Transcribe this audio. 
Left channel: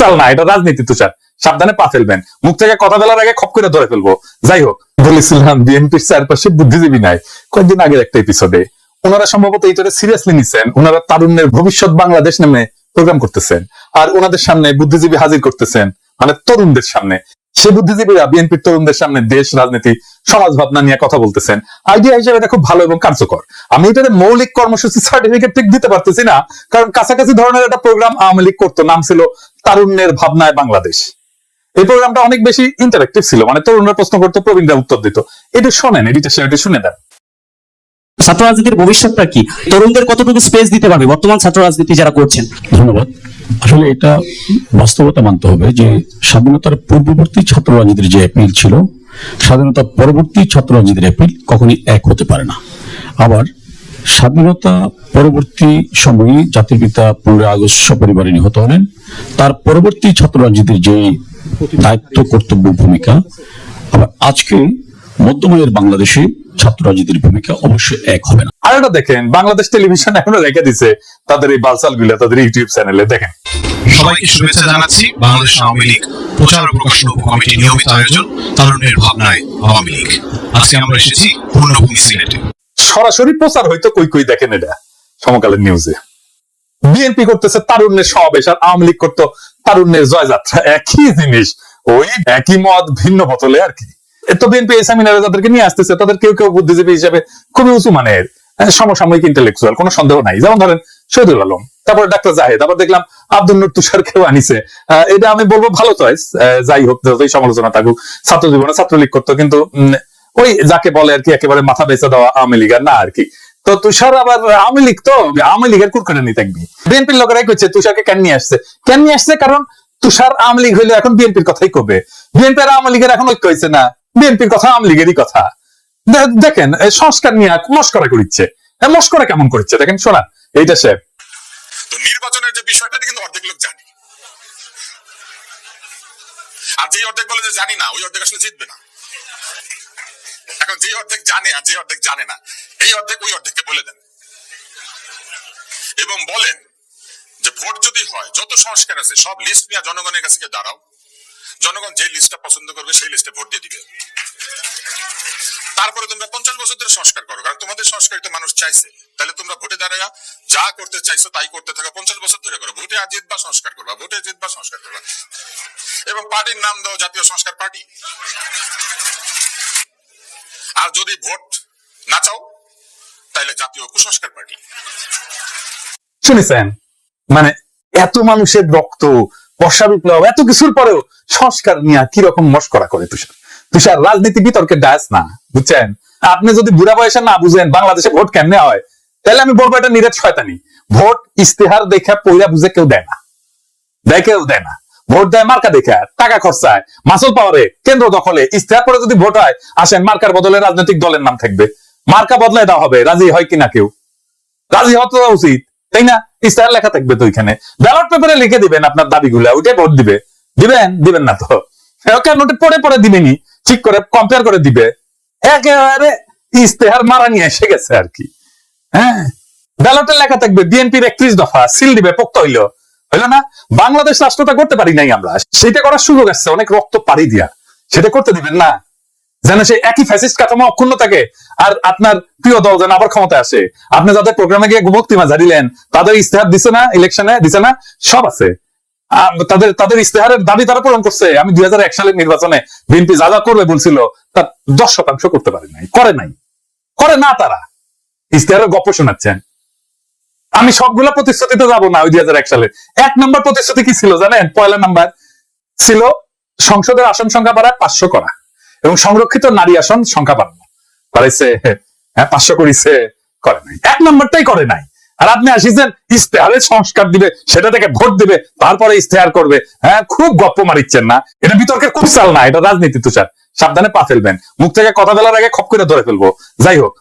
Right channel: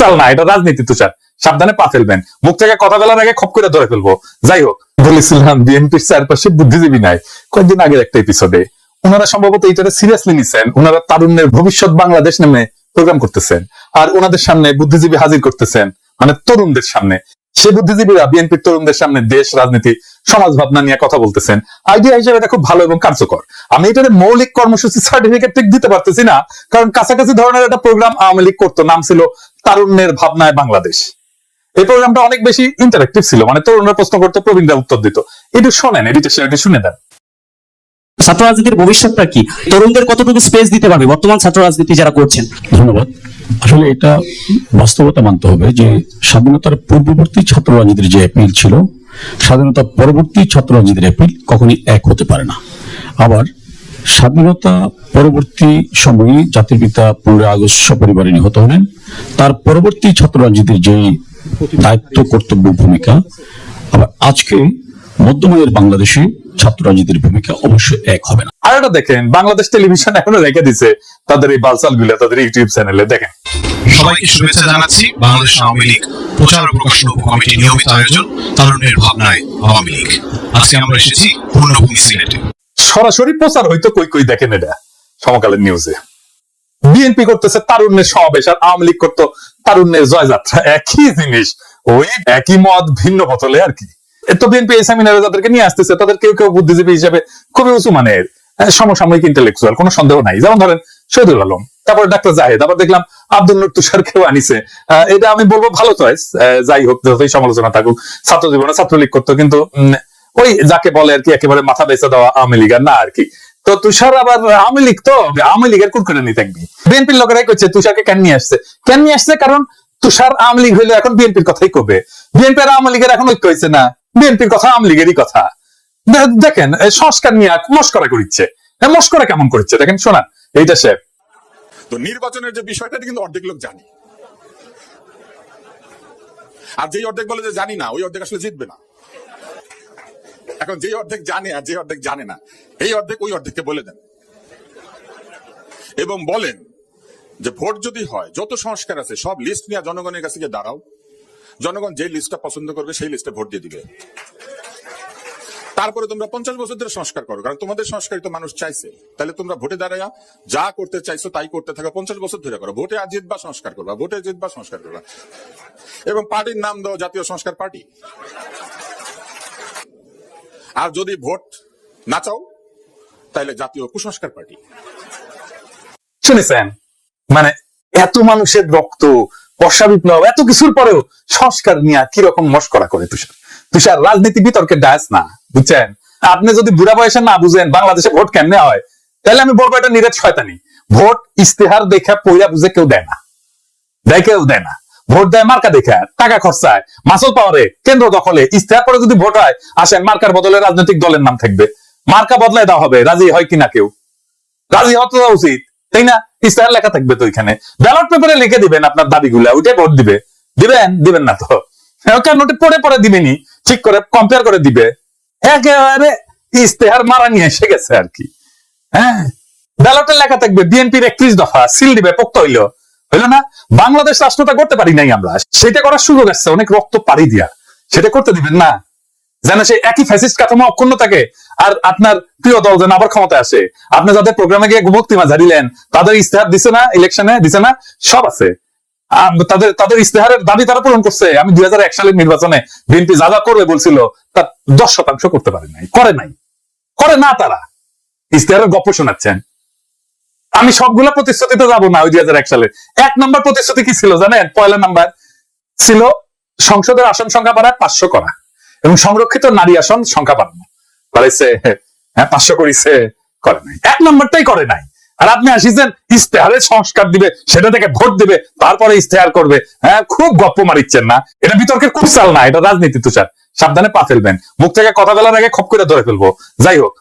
চাল না, এটা রাজনীতি তুষার সাবধানে পা ফেলবেন। মুখ থেকে কথা বলার আগে খপ করে ধরে ফেলব। যাই হোক, বলেছিলাম বিএনপির চারপাশে বুদ্ধিজীবী নাই। কয়েকদিন আগের একটা এপিসোডে ওনারা সম্ভবত এটা সিরিয়াসলি নিচ্ছেন ওনারা তারুণ্যের ভবিষ্যৎ বাংলাদেশ নামে প্রোগ্রাম করতেছেন। আর ওনাদের সামনে বুদ্ধিজীবী হাজির করতেছেন। মানে তরুণদের সামনে। সে বুদ্ধিজীবীরা বিএনপির তরুণদের সামনে দেশ রাজনীতি সমাজ ভাবনা নিয়ে কথা বলতেছেন। আইডিয়া হিসেবে এটা খুব ভালো এবং কার্যকর। আমি এটার মৌলিক কর্মসূচি সার্টিফিকেট ঠিক দিতে পারতেছি না কারণ কাছাকাছি ধরনের একটা প্রোগ্রাম আওয়ামী লীগ করতো নাম ছিল তারুণ্যের ভাবনায় বাংলাদেশ। এই প্রোগ্রামটা অনেক বেশি ইন্টারেক্টিভ ছিল মানে তরুণরা প্রশ্ন করতো প্রবীণরা উত্তর দিত। এটা শোনেন এডিটেশন সেটা শুনে দেন ছাত্র রাজনীতির ভবিষ্যৎটা কি? তরুণদের কতটুকু স্পেস দিতে পারবে? বর্তমান ছাত্র রাজনীতি যারা করছেন। ধন্যবাদ। আসলে এটা বাস্তবতা মানতে হবে যে স্বাধীনতার পূর্ববর্তী ছাত্র রাজনীতির যে অ্যাপিল ছিল, স্বাধীনতা পরবর্তী ছাত্র রাজনীতির অ্যাপিল কখনই এক হতে পারে না। আবার স্বাধীনতা পরবর্তী সময়ে জাতির পিতা পনেরোই আগস্ট সপরিবারে নিহত হলেন। তার পরবর্তী ছাত্র রাজনীতির যে দায়িত্ব, কর্তব্য, ভূমিকা, আবার আজকে মধ্যমায়ের বাংলাদেশে ছাত্র রাজনীতির ভূমিকা অবশ্যই এক হবে না। আর দেখেন বাংলাদেশ টেলিভিশন এখনও রেখে দিছে তাদের এই বালসালগুলা তাদের ইউটিউব চ্যানেলে দেখেন। সবাইকে শুভেচ্ছা জানাচ্ছি বাংলাদেশ আওয়ামী লীগ প্রচার ও প্রকাশন উপকমিটির নিয়মিত আয়োজন তরুণের ভাবনায় আওয়ামী লীগ। আজকে আমরা এসেছি পূর্ণভূমি সিলেটে। সরাসরি প্রচার হয়তো কই কই দেখেন এটা সমকালের নিউজে বিএনপি করতেছে তারুণ্যের সমাবেশ আর আওয়ামী লীগ করতো তারুণ্যের জয়যাত্রা। একই জিনিস ওই একই মত ভিন্ন বোতলে আর কি। তো বিএনপি এই সেমিনারে যাদেরকে নিয়ে আসতেছে তাদের কেউ কেউ বুদ্ধিজীবী হিসেবে খুবই উঁচু মানের। সমসাময়িক ইন্টেলেকচুয়াল কোনো সন্দেহ নাই। যেমন ধরেন শহীদুল আলম, তারপরে ডাক্তার জাহেদ, আবার দেখলাম আব্দুল নুর তুষার কেউ আনিছে এটা আমি বলব ভালো চয়েস যাই হোক, যতই সমালোচনা থাকুক ছাত্র জীবনে ছাত্রলীগ করতো, কিন্তু ওই যাকে বলে আর কি, একেবারে মাথা বেঁচে দেওয়া আওয়ামী লীগের না আর কি। তো তুষার আবার আওয়ামী লীগ তো, আওয়ামী লীগের কুরকুরে নিয়ে থাকবি বিএনপির লোকেরাই করছে তুষারকে কেন নিয়ে আসছে? কেন নিয়ে আসছে? কারণ তুষার আওয়ামী লীগ হইলে এখন বিএনপির কথাই কবে? বিএনপি আর আওয়ামী লীগের এখন ঐক্য হয়েছে না। বিএনপির কথা আওয়ামী লীগেরই কথা। দেখেন সংস্কার নিয়ে মস্করা করিচ্ছে। মস্করা কেমন করছে দেখেন শোনা এইটা সে তো নির্বাচনের যে বিষয়টা কিন্তু অর্ধেক লোক জানে। আর যেই অর্ধেক বলে যে জানি না, ওই অর্ধেক আসলে জিতবে না। এখন যেই অর্ধেক জানে আর যে অর্ধেক জানে না, এই অর্ধেক ওই অর্ধেককে বলে দেন। এবং বলেন যে ভোট যদি হয়, যত সংস্কার আছে, সব লিস্ট নিয়ে জনগণের কাছে দাঁড়াও। জনগণ যে লিস্টটা পছন্দ করবে, সেই লিস্টে ভোট দিয়ে দিবে। তারপরে তোমরা পঞ্চাশ বছর ধরে সংস্কার করো, কারণ তোমাদের সংস্কারিত মানুষ চাইছে। তাহলে তোমরা ভোটে দাঁড়ায়া যা করতে চাইছো তাই করতে থাকো, পঞ্চাশ বছর ধরে করো। ভোটে আর জিতবা সংস্কার করবা, ভোটে জিতবা সংস্কার করবা। এবং পার্টির নাম দাও জাতীয় সংস্কার পার্টি। আর যদি ভোট না চাও, তাহলে জাতীয় কুসংস্কার পার্টি। শুনেছেন মানে এত মানুষের রক্ত বর্ষা বিপ্লব এত কিছুর পরেও সংস্কার নিয়ে কীরকম মস্করা করে তুষার? তুষার, রাজনীতি বিতর্কের ডায়াস না, বুঝছেন? আপনি যদি বুড়া বয়সে না বুঝেন বাংলাদেশে ভোট কেমনে হয়, তাহলে আমি বলব এটা নিরেট শয়তানি। ভোট ইস্তেহার দেখা পইরা বুঝে কেউ দেয় না। দেয় কেউ দেয় না। ভোট দেয় মার্কা দেখে, টাকা খরচায়। মাসুল পাওয়ারে, কেন্দ্র দখলে। ইস্তেহার পরে যদি ভোট হয়, আসেন মার্কার বদলে রাজনৈতিক দলের নাম থাকবে। মার্কা বদলায় দেওয়া হবে, রাজি হয় কিনা কেউ? রাজি হওয়া তো উচিত, তাই না? ইস্তেহার লেখা থাকবে তো এখানে ব্যালট পেপারে লিখে দিবেন আপনার দাবিগুলা ওইটাই ভোট দিবে। দিবেন? দিবেন না তো। কেন নোটে পড়ে পড়ে দিবেনি ঠিক করে কম্পেয়ার করে দিবে। একেবারে ইস্তেহার মারা নিয়ে এসে গেছে আর কি। হ্যাঁ? ব্যালটে লেখা থাকবে, বিএনপির একত্রিশ দফা, সিল দিবে, পোক্ত হইল। হইল না? বাংলাদেশ রাষ্ট্রটা করতে পারি নাই আমরা। সেটা করার সুযোগ আসছে অনেক রক্ত পাড়ি দিয়া। সেটা করতে দিবেন না। যেন সে একই ফ্যাসিস্ট কাঠামো অক্ষুণ্ণ থাকে। আর আপনার প্রিয় দল যেন আবার ক্ষমতা আসে। আপনি যাদের প্রোগ্রামে গিয়ে বক্তৃতা ঝাড়িলেন তাদের ইস্তেহার দিছে না ইলেকশনে দিছে না, সব আছে। তাদের তাদের ইস্তেহারের দাবি তারা পূরণ করছে। আমি দুই সালের নির্বাচনে বিএনপি যা যা করবে বলছিল, তার দশ শতাংশ করতে পারে নাই, করে নাই। করে না তারা। ইস্তেহারের গপ্প শোনাচ্ছেন। আমি সবগুলা প্রতিশ্রুতিতে যাব না ওই দুই হাজার এক সালে। এক নম্বর প্রতিশ্রুতি কি ছিল জানেন? পয়লা নাম্বার ছিল সংসদের আসন সংখ্যা বাড়ায় পাঁচশো করা। এবং সংরক্ষিত নারী আসন সংখ্যা বাড়ানো। করেছে হ্যাঁ পাঁচশো করেছে, করে নাই। এক নম্বরটাই করে নাই। আর আপনি আসিছেন, ইস্তেহারে সংস্কার দিবে, সেটা থেকে ভোট দিবে, তারপরে ইস্তেহার করবে। হ্যাঁ খুব গপ্প মারিচ্ছেন না। এটা বিতর্কের চাল না, এটা রাজনীতি তুষার। সাবধানে পা ফেলবেন। মুখ থেকে কথা বলার আগে খপ করে ধরে ফেলব। যাই হোক।